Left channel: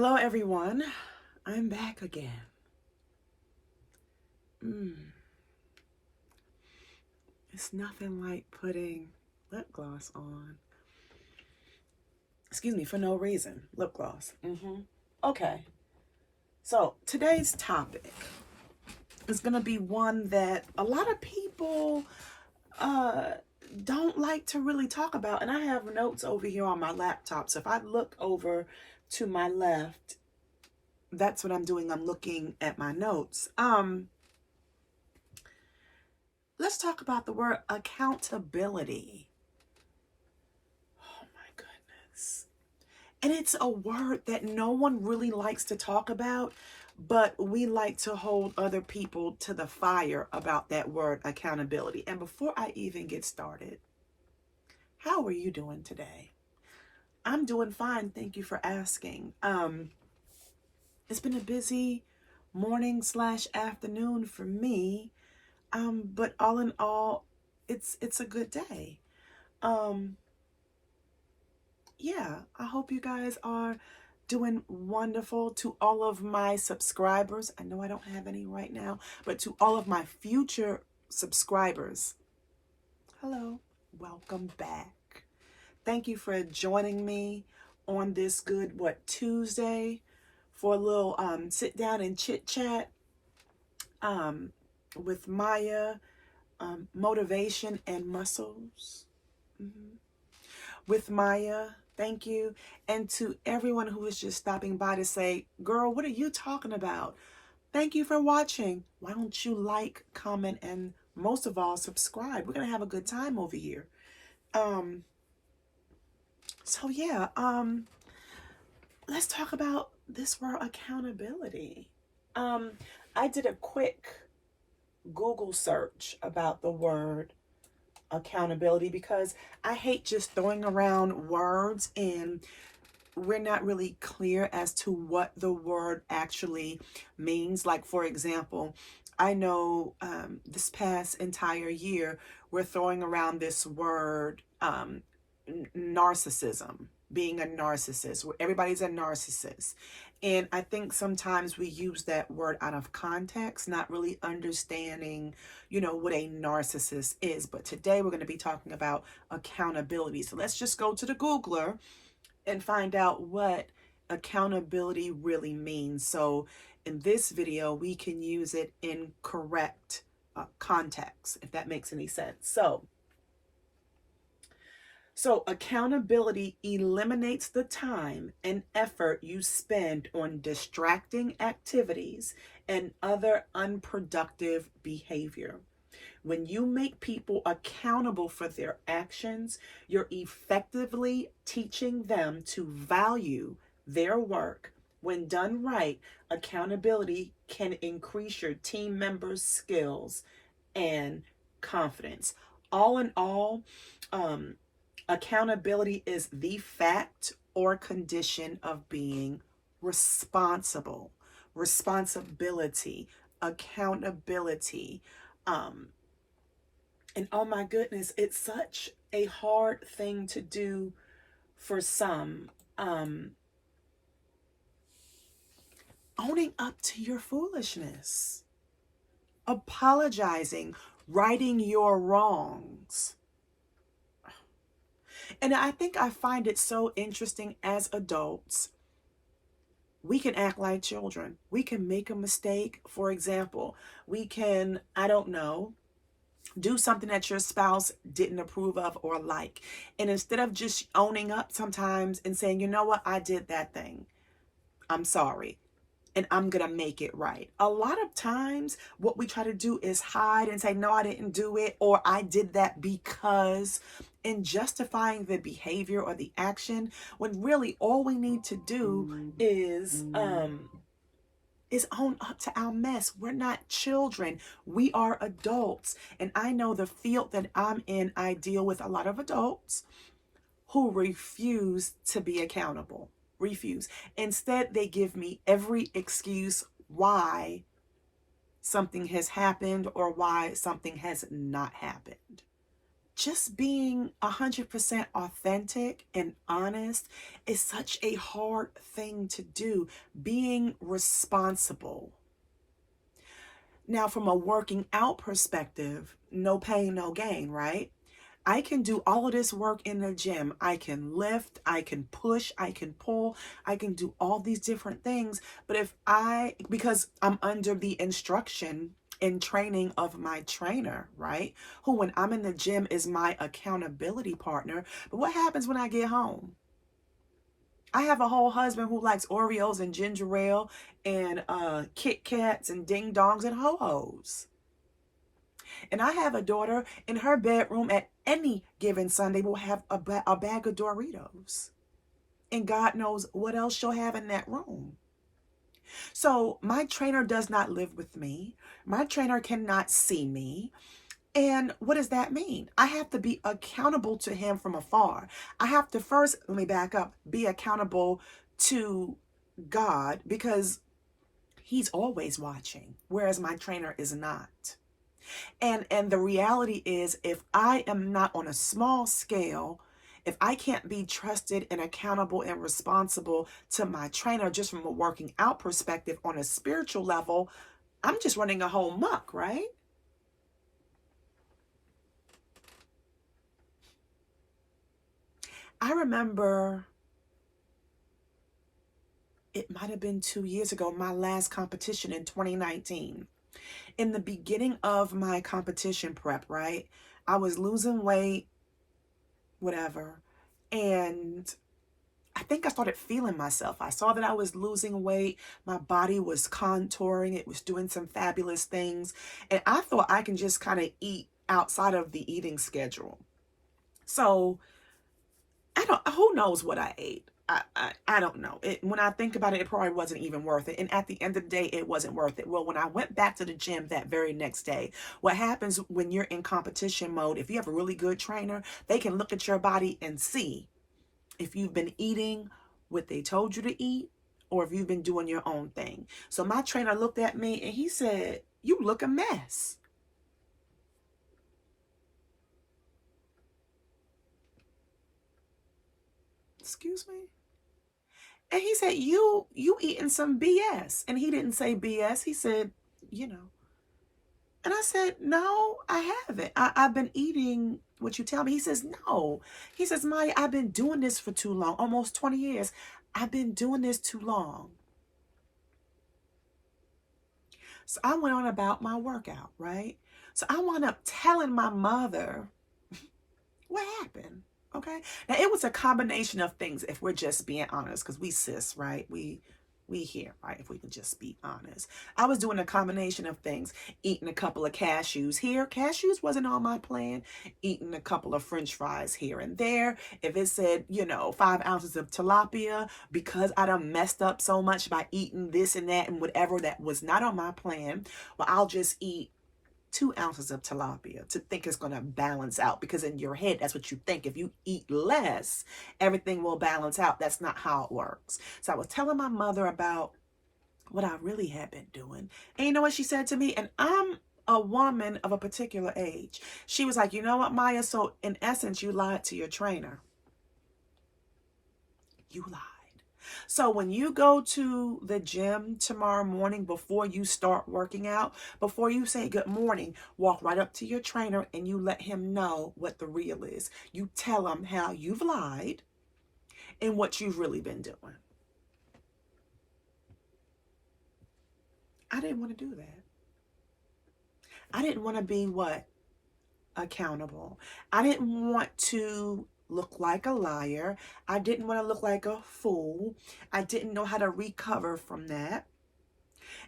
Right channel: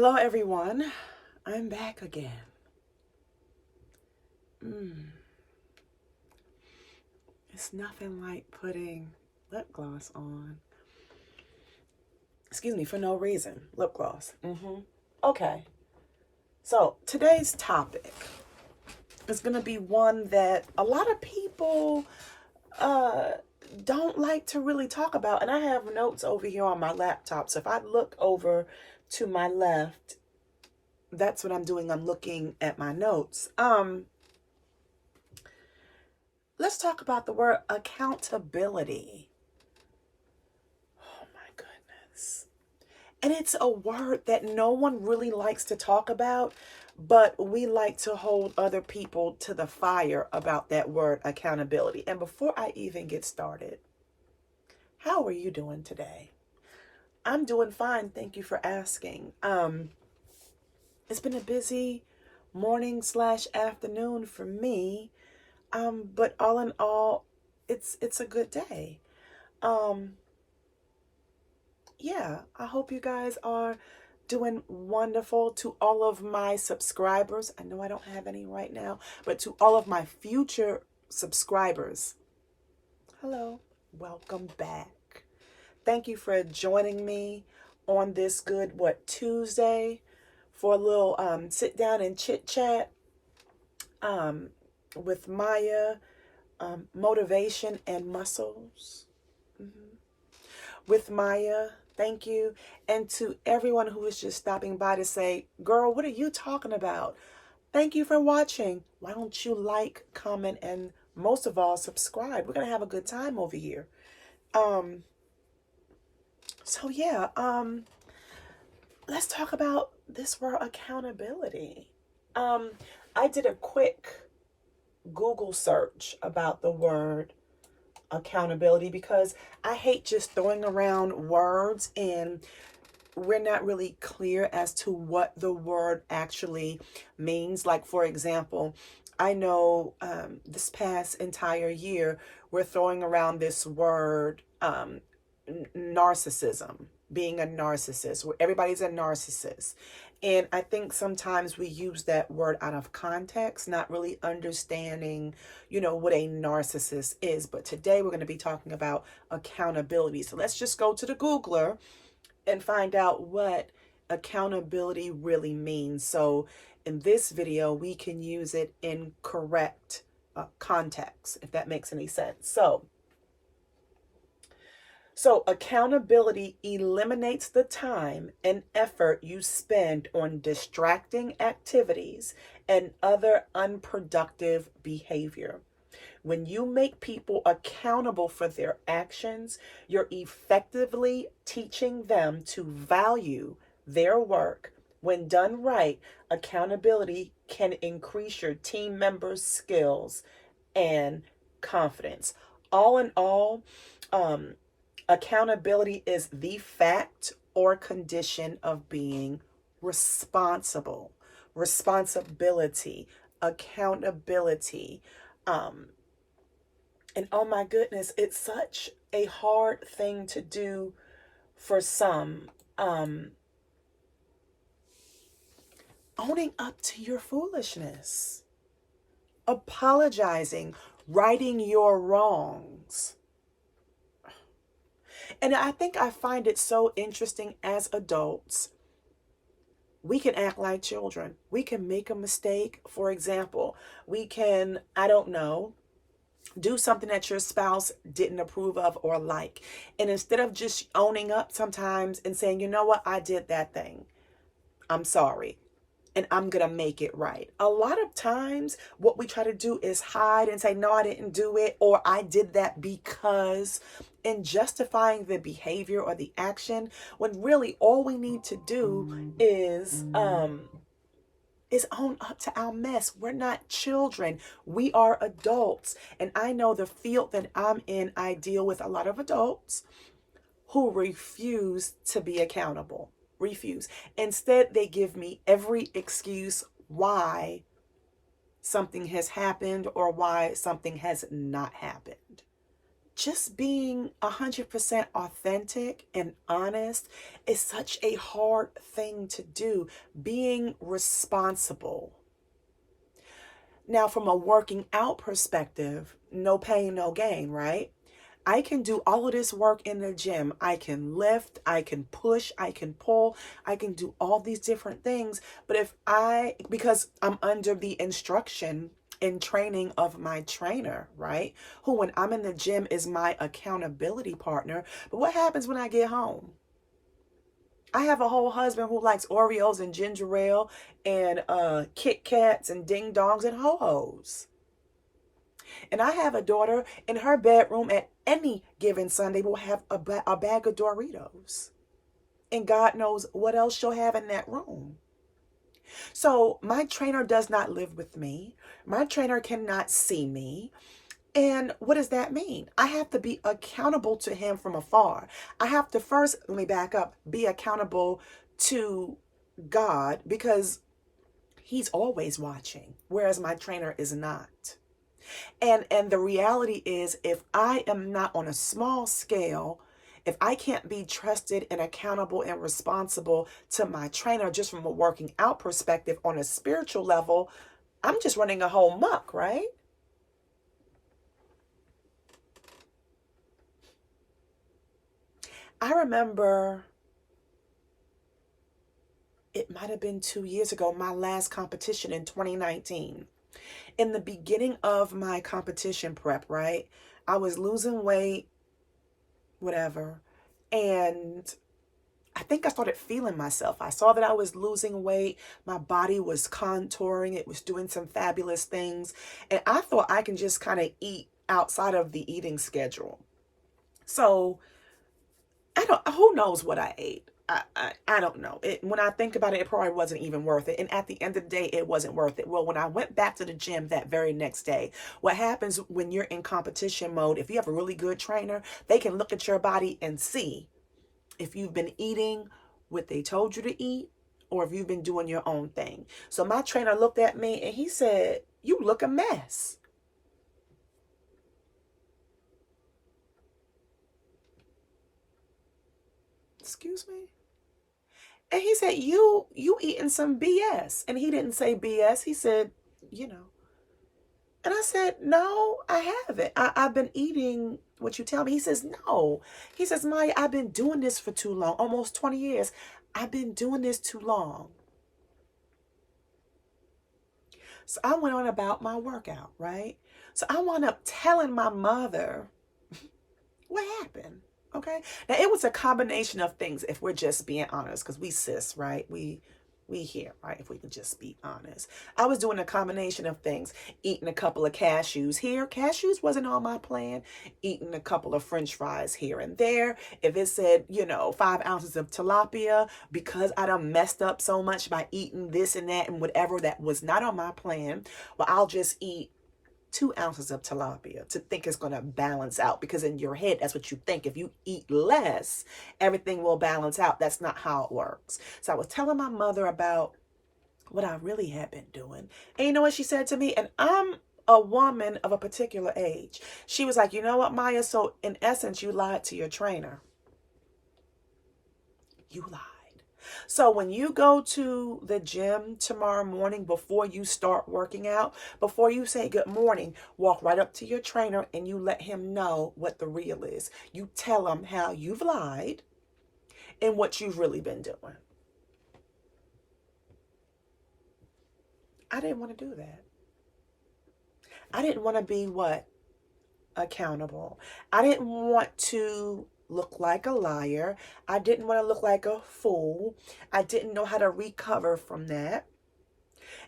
Hello, everyone. I'm back again. It's nothing like putting lip gloss on. Excuse me, for no reason. Lip gloss. Okay. So today's topic is going to be one that a lot of people uh, don't like to really talk about. And I have notes over here on my laptop. So if I look over to my left, that's what I'm doing. I'm looking at my notes. Let's talk about the word accountability. Oh my goodness. And it's a word that no one really likes to talk about, but we like to hold other people to the fire about that word accountability. And before I even get started, how are you doing today? I'm doing fine. Thank you for asking. It's been a busy morning / afternoon for me. But all in all, it's a good day. Um, yeah, I hope you guys are doing wonderful. To all of my subscribers, I know I don't have any right now, but to all of my future subscribers, hello, welcome back. Thank you for joining me on this good, Tuesday for a little sit down and chit chat um, with Mayya, motivation and muscles. With Mayya, thank you. And to everyone who is just stopping by to say, girl, what are you talking about? Thank you for watching. Why don't you like, comment, and most of all, subscribe? We're going to have a good time over here. Um, so yeah, let's talk about this word accountability. Um, I did a quick Google search about the word accountability because I hate just throwing around words and we're not really clear as to what the word actually means. Like, for example, I know this past entire year, we're throwing around this word narcissism, being a narcissist, where everybody's a narcissist. And I think sometimes we use that word out of context, not really understanding, what a narcissist is. But today we're going to be talking about accountability. So let's just go to the Googler and find out what accountability really means. So in this video, we can use it in correct context, if that makes any sense. So accountability eliminates the time and effort you spend on distracting activities and other unproductive behavior. When you make people accountable for their actions, you're effectively teaching them to value their work. When done right, accountability can increase your team members' skills and confidence. All in all, accountability is the fact or condition of being responsible, responsibility, accountability. And oh my goodness, it's such a hard thing to do for some. Owning up to your foolishness, apologizing, righting your wrongs. And I think I find it so interesting as adults. We can act like children. We can make a mistake. For example, we can, I don't know, do something that your spouse didn't approve of or like. And instead of just owning up sometimes and saying, you know what, I did that thing. I'm sorry. And I'm going to make it right. A lot of times what we try to do is hide and say, no, I didn't do it, or I did that because, in justifying the behavior or the action, when really all we need to do is own up to our mess. We're not children. We are adults. And I know the field that I'm in, I deal with a lot of adults who refuse to be accountable. Refuse. Instead, they give me every excuse why something has happened or why something has not happened. just being 100% authentic and honest is such a hard thing to do. Being responsible. Now, from a working out perspective, no pain, no gain, right? I can do all of this work in the gym. I can lift, I can push, I can pull, I can do all these different things. But because I'm under the instruction and training of my trainer, right? Who, when I'm in the gym, is my accountability partner. But what happens when I get home? I have a whole husband who likes Oreos and ginger ale and Kit Kats and ding dongs and ho-hos. And I have a daughter in her bedroom at any given Sunday will have a bag of Doritos. And God knows what else she'll have in that room. So my trainer does not live with me. My trainer cannot see me. And what does that mean? I have to be accountable to him from afar. I have to first, let me back up, be accountable to God because he's always watching, whereas my trainer is not. And the reality is, if I am not on a small scale, if I can't be trusted and accountable and responsible to my trainer just from a working out perspective on a spiritual level, I'm just running a whole muck, right? I remember it might have been 2 years ago, my last competition in 2019. In the beginning of my competition prep, right? I was losing weight, whatever. And I think I started feeling myself. I saw that I was losing weight. My body was contouring. It was doing some fabulous things. And I thought I can just kind of eat outside of the eating schedule. So who knows what I ate? I don't know. When I think about it, it probably wasn't even worth it. And at the end of the day, it wasn't worth it. Well, when I went back to the gym that very next day, what happens when you're in competition mode, if you have a really good trainer, they can look at your body and see if you've been eating what they told you to eat or if you've been doing your own thing. So my trainer looked at me and he said, "You look a mess." Excuse me? And he said, you eating some BS. And he didn't say BS. He said, you know. And I said, no, I haven't. I've been eating what you tell me. He says, no. He says, Mayya, I've been doing this for too long, almost 20 years. I've been doing this too long. So I went on about my workout, right? So I wound up telling my mother what happened. Okay. Now it was a combination of things, if we're just being honest, because we sis, right? We here, right? If we can just be honest. I was doing a combination of things, eating a couple of cashews here. Cashews wasn't on my plan. Eating a couple of French fries here and there. If it said, 5 ounces of tilapia, because I done messed up so much by eating this and that and whatever that was not on my plan, well, I'll just eat 2 ounces of tilapia to think it's going to balance out, because in your head, that's what you think. If you eat less, everything will balance out. That's not how it works. So I was telling my mother about what I really had been doing. And you know what she said to me? And I'm a woman of a particular age. She was like, you know what, Mayya? So in essence, you lied to your trainer. You lied. So when you go to the gym tomorrow morning, before you start working out, before you say good morning, walk right up to your trainer and you let him know what the real is. You tell him how you've lied and what you've really been doing. I didn't want to do that. I didn't want to be what? Accountable. I didn't want to look like a liar. I didn't want to look like a fool. I didn't know how to recover from that.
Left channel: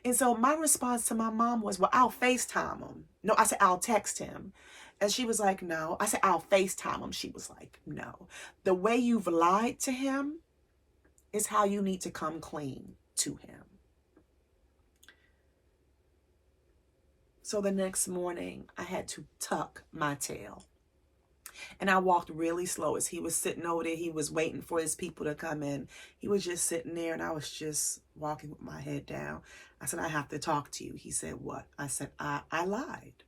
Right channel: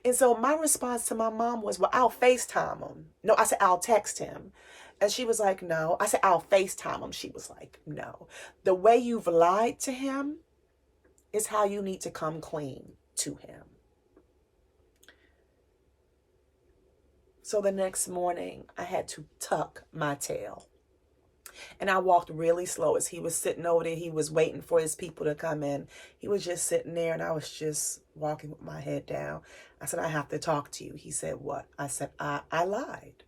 And so my response to my mom was, well, I'll FaceTime him. No, I said, I'll text him. And she was like, no. I said, I'll FaceTime him. She was like, no. The way you've lied to him is how you need to come clean to him. So the next morning, I had to tuck my tail. And I walked really slow as he was sitting over there. He was waiting for his people to come in. He was just sitting there and I was just walking with my head down. I said, I have to talk to you. He said, what? I said, I lied.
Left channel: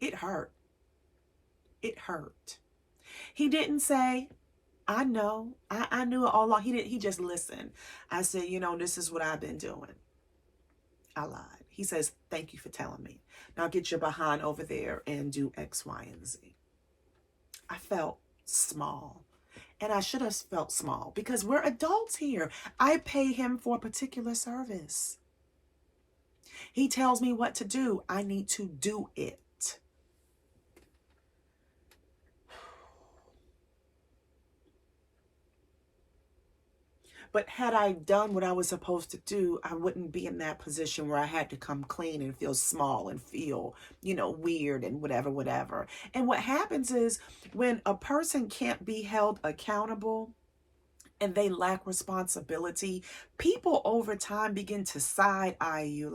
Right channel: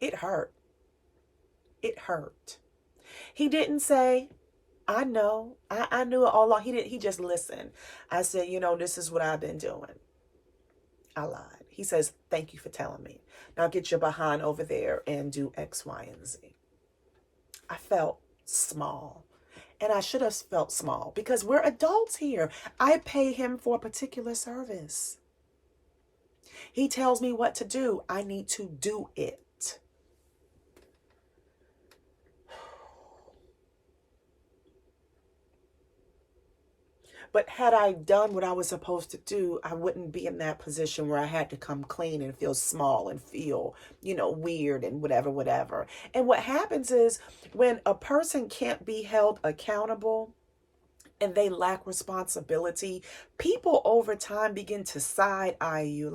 It hurt. It hurt. He didn't say, I know, I knew it all along. He just listened. I said, this is what I've been doing. I lied. He says, thank you for telling me. Now get your behind over there and do X, Y, and Z. I felt small. And I should have felt small because we're adults here. I pay him for a particular service. He tells me what to do. I need to do it. But had I done what I was supposed to do, I wouldn't be in that position where I had to come clean and feel small and feel, weird and whatever, whatever. And what happens is when a person can't be held accountable and they lack responsibility, people over time begin to side eye you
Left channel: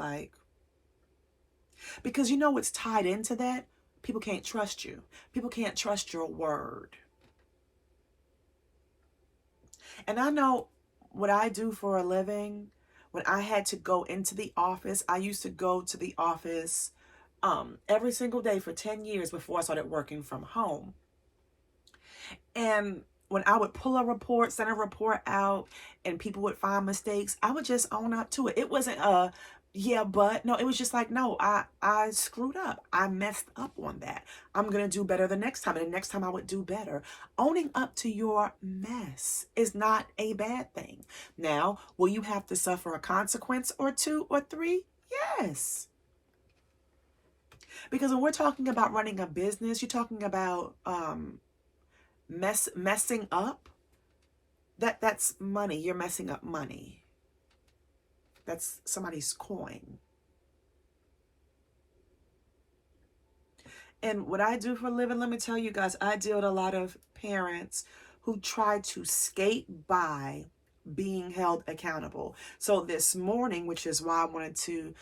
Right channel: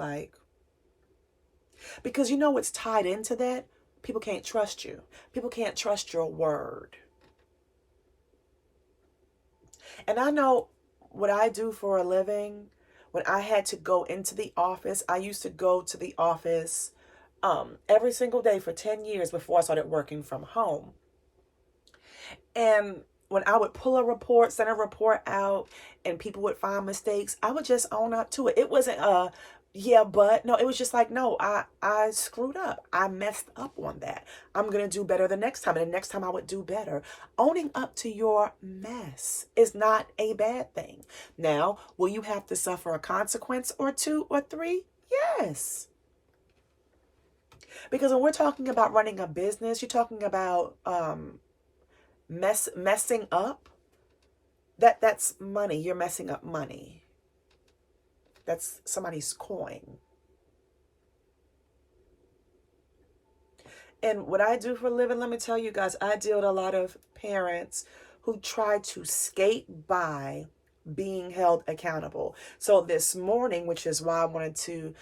because what's tied into that? People can't trust you. People can't trust your word. And I know what I do for a living. When I had to go into the office, I used to go to the office every single day for 10 years before I started working from home. And when I would pull a report, send a report out, and people would find mistakes, I would just own up to it. It wasn't no, it was just like, no, I screwed up. I messed up on that. I'm going to do better the next time. And the next time I would do better. Owning up to your mess is not a bad thing. Now, will you have to suffer a consequence or 2 or 3? Yes. Because when we're talking about running a business, you're talking about messing up. That's money. You're messing up money. That's somebody's coin. And what I do for a living, let me tell you guys, I deal with a lot of parents who try to skate by being held accountable. So this morning, which is why I wanted to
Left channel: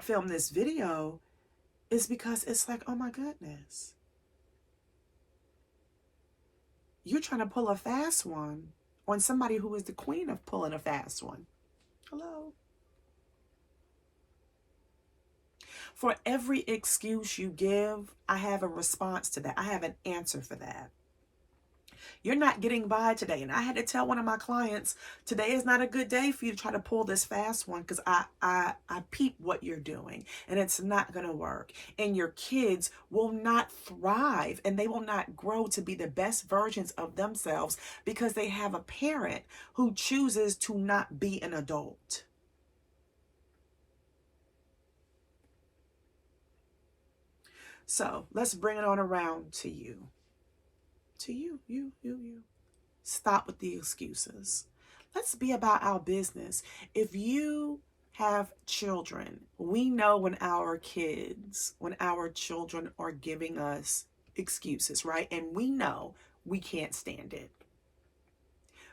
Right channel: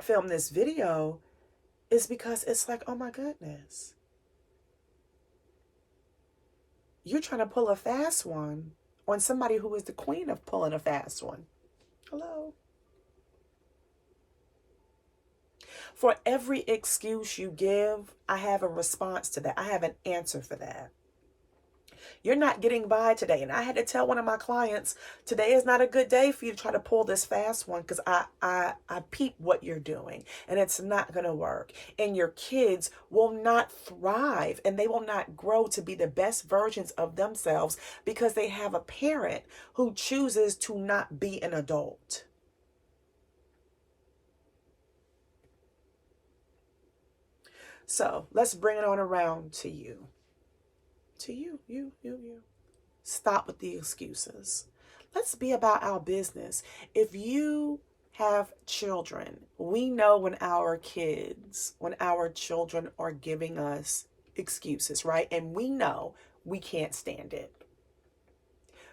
film this video, is because it's like, oh my goodness. You're trying to pull a fast one on somebody who is the queen of pulling a fast one. Hello? For every excuse you give, I have a response to that. I have an answer for that. You're not getting by today. And I had to tell one of my clients, today is not a good day for you to try to pull this fast one because I peep what you're doing and it's not going to work. And your kids will not thrive and they will not grow to be the best versions of themselves because they have a parent who chooses to not be an adult. So let's bring it on around to you. To you. Stop with the excuses. Let's be about our business. If you have children, we know when our children are giving us excuses, right? And we know we can't stand it.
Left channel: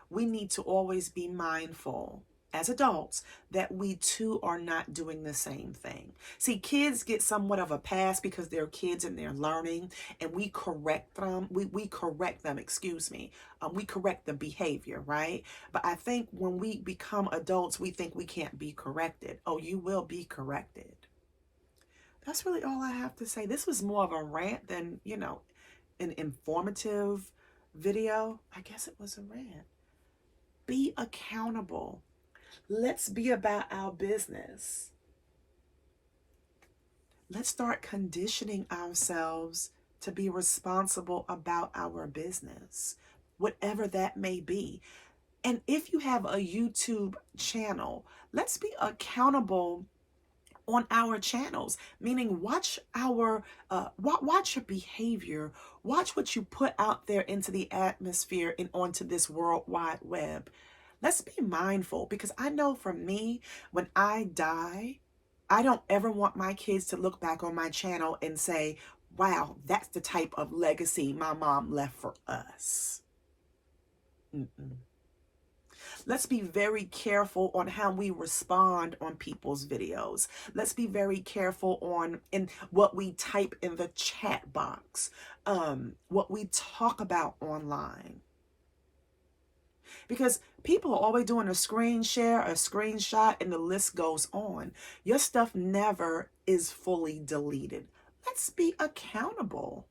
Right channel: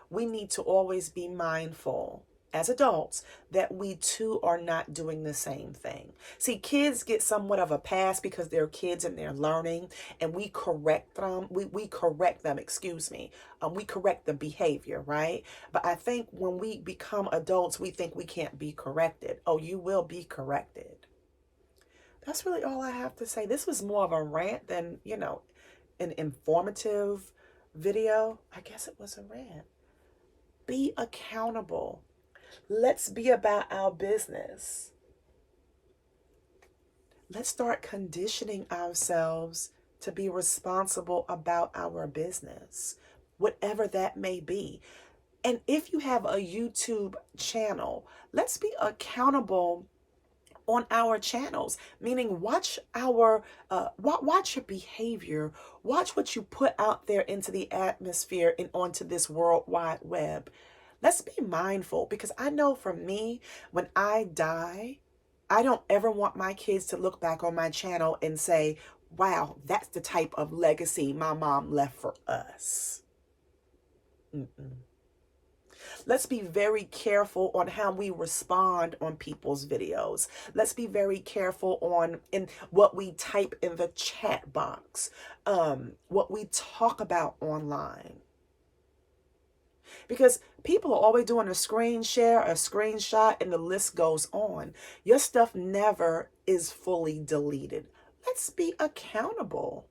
We need to always be mindful as adults that we too are not doing the same thing. See, kids get somewhat of a pass because they're kids and they're learning, and we correct them. We correct them, we correct the behavior, right? But I think when we become adults, we think we can't be corrected. Oh, you will be corrected. That's really all I have to say. This was more of a rant than, an informative video. I guess it was a rant. Be accountable. Let's be about our business. Let's start conditioning ourselves to be responsible about our business, whatever that may be. And if you have a YouTube channel, let's be accountable on our channels, meaning watch your behavior, watch what you put out there into the atmosphere and onto this World Wide Web. Let's be mindful, because I know for me, when I die, I don't ever want my kids to look back on my channel and say, wow, that's the type of legacy my mom left for us. Let's be very careful on how we respond on people's videos. Let's be very careful in what we type in the chat box, what we talk about online. Because people are always doing a screen share, a screenshot, and the list goes on. Your stuff never is fully deleted. Let's be accountable.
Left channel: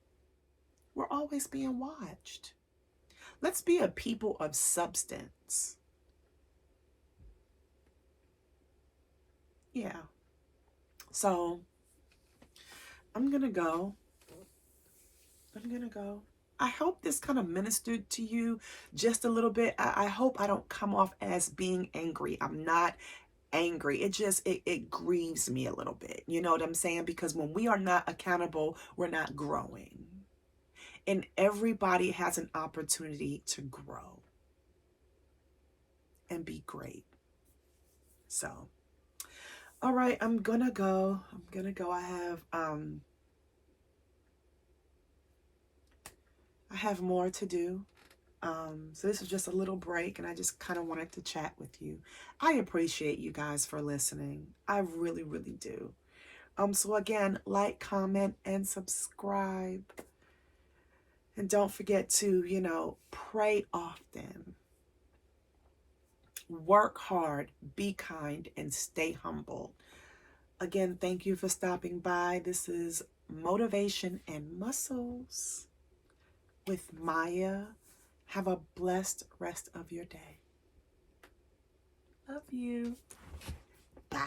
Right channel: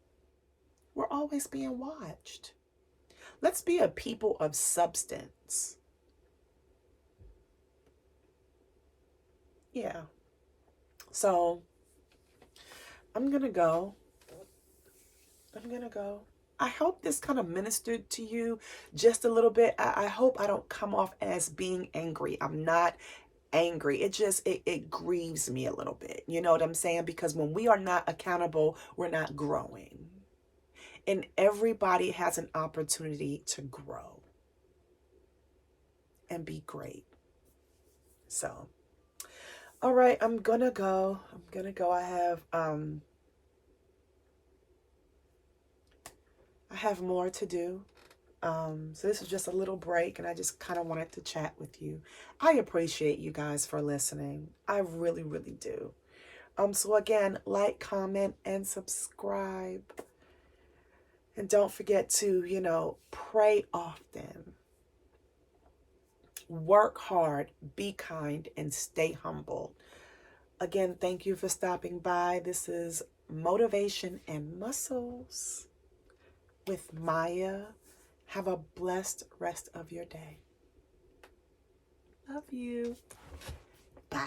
We're always being watched. Let's be a people of substance. Yeah. So I'm going to go. I'm going to go. I hope this kind of ministered to you just a little bit. I hope I don't come off as being angry. I'm not angry. It grieves me a little bit. You know what I'm saying? Because when we are not accountable, we're not growing. And everybody has an opportunity to grow and be great. So, all right, I'm gonna go. I have more to do. So this was just a little break, and I just kind of wanted to chat with you. I appreciate you guys for listening. I really, really do. So again, like, comment, and subscribe. And don't forget to, pray often. Work hard, be kind, and stay humble. Again, thank you for stopping by. This is Motivation and Muscles with Mayya. Have a blessed rest of your day. Love you. Bye.